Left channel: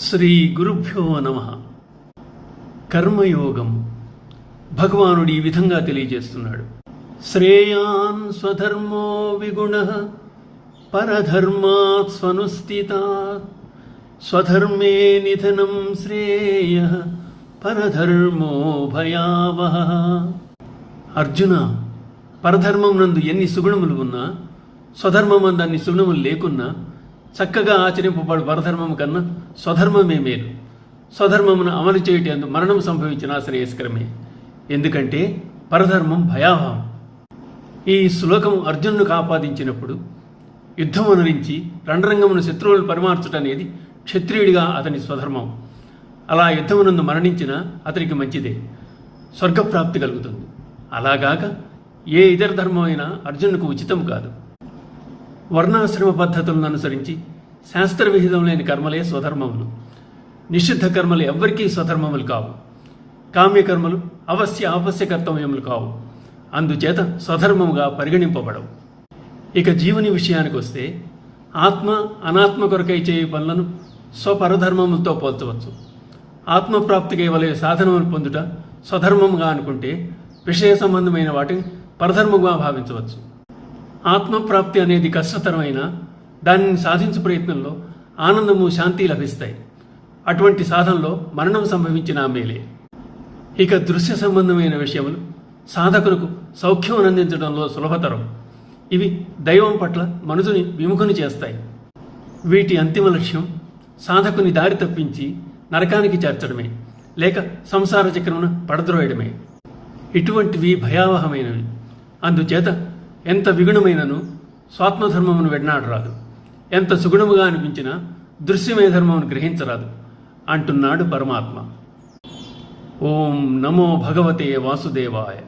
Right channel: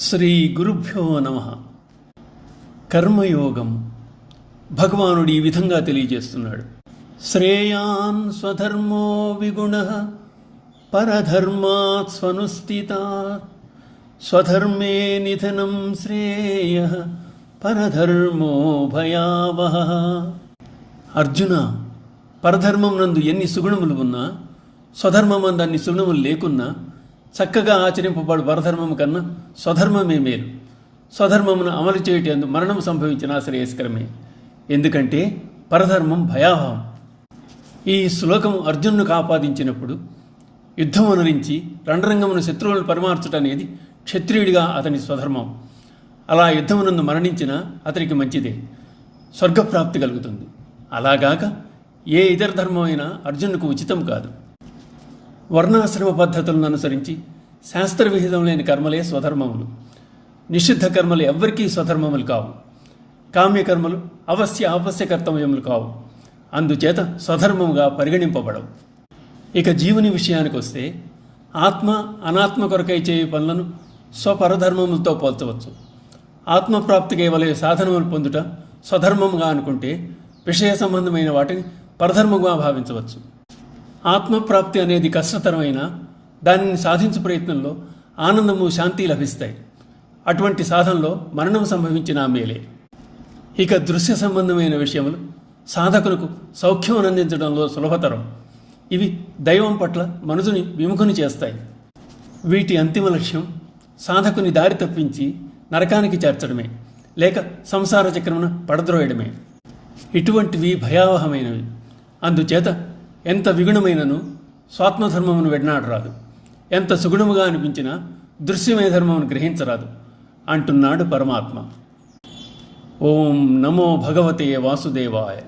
శ్రీ గురుభ్యో నమః. కర్మయోగం భగవానుడు ఈ విధంగా తెలియజేస్తున్నాడు. శ్రేయాన్ స్వధర్మో విగుణః పరధర్మాత్ స్వనుష్ఠితాత్ స్వధర్మే నిధనం శ్రేయః పరధర్మో భయావహః. అర్జున, పరధర్మం నందు ఎన్ని సుగుణములు ఉన్నా, స్వధర్మమందు అన్ని సుగుణములు లేకున్నా, చక్కగా ఆచరింపబడు పరధర్మము కన్నా స్వధర్మమే మేలు. స్వధర్మమును అమలు చేయటందు మరణం సంభవించిన శ్రేయస్కరమే. ఎందుకంటే పరధర్మం భయావహం. ఈ శ్లోకం అర్జునునికి ఆపాదించినప్పుడు యుద్ధం అనురించి రణరంగమును శత్రువులను పరిమార్చుట అనేది క్షత్రియుడిగా అతని స్వధర్మం. అలా యుద్ధమునందు మరణించినా అతనికి మంచిదే, స్వర్గప్రాప్తి కలుగుతుంది. అలాగాక ఏ ఇతర ధర్మమైనా అర్జునుకు ఉచితం కాదు. వర్ణాశ్రమ పద్ధతులను అనుసరించి శాస్త్రవిహితం లేని కర్మలే స్వధర్మములు. నిషిద్ధ కర్మలు ఎవ్వరికీ స్వధర్మములు కావు. కామ్యకర్మలు ఆవశ్య కర్తవ్యములు కావు. అందుచేత స్వధర్మముగా పరిగణింపబడవు. ఇక జీవుని విషయానికి వస్తే, ఆత్మ అనాత్మ కొరకై చేయు పనులను స్వపరధర్మములతో పోల్చవచ్చు. ఆత్మప్రాప్తికి వలె సాధనములు పొందుట స్వధర్మముగా అనుకుంటే, విషయ సంబంధమైన వాటిని పరధర్మముగా భావించవచ్చు. ఆత్మప్రాప్తి అనేది కష్టతరమైన దానిని సాధించే ప్రయత్నంలో ఆనందము, శాంతి లభిస్తాయి. అటువంటి సాధనలో మరణం సంభవించిన మేలే. ఇక దృశ్య సంబంధమైన విషయములు సాధకులకు సౌఖ్యం అందించడంలో సులభతరం. ఇవి దైవం పట్ల మనుషుని విముఖుని చేస్తాయి. వీటి అంతిమ లక్ష్యం సాధకుని దారి తప్పించి నరకానికి చేర్చడమే, లేక సంసార చక్రమున పడద్రోయడమే. ఇటువంటివి భయావహమైనవి. అందుచేత ఎంత విగుణమైనను స్వాత్మధర్మమును వెడనాడరాదు, ఎంత సుగుణముగా అనిపించినా దృశ్యమే ధర్మమును గ్రహించరాదు అంటున్నాడు పరమాత్మ. ఓం నమో భగవతే వాసుదేవాయ.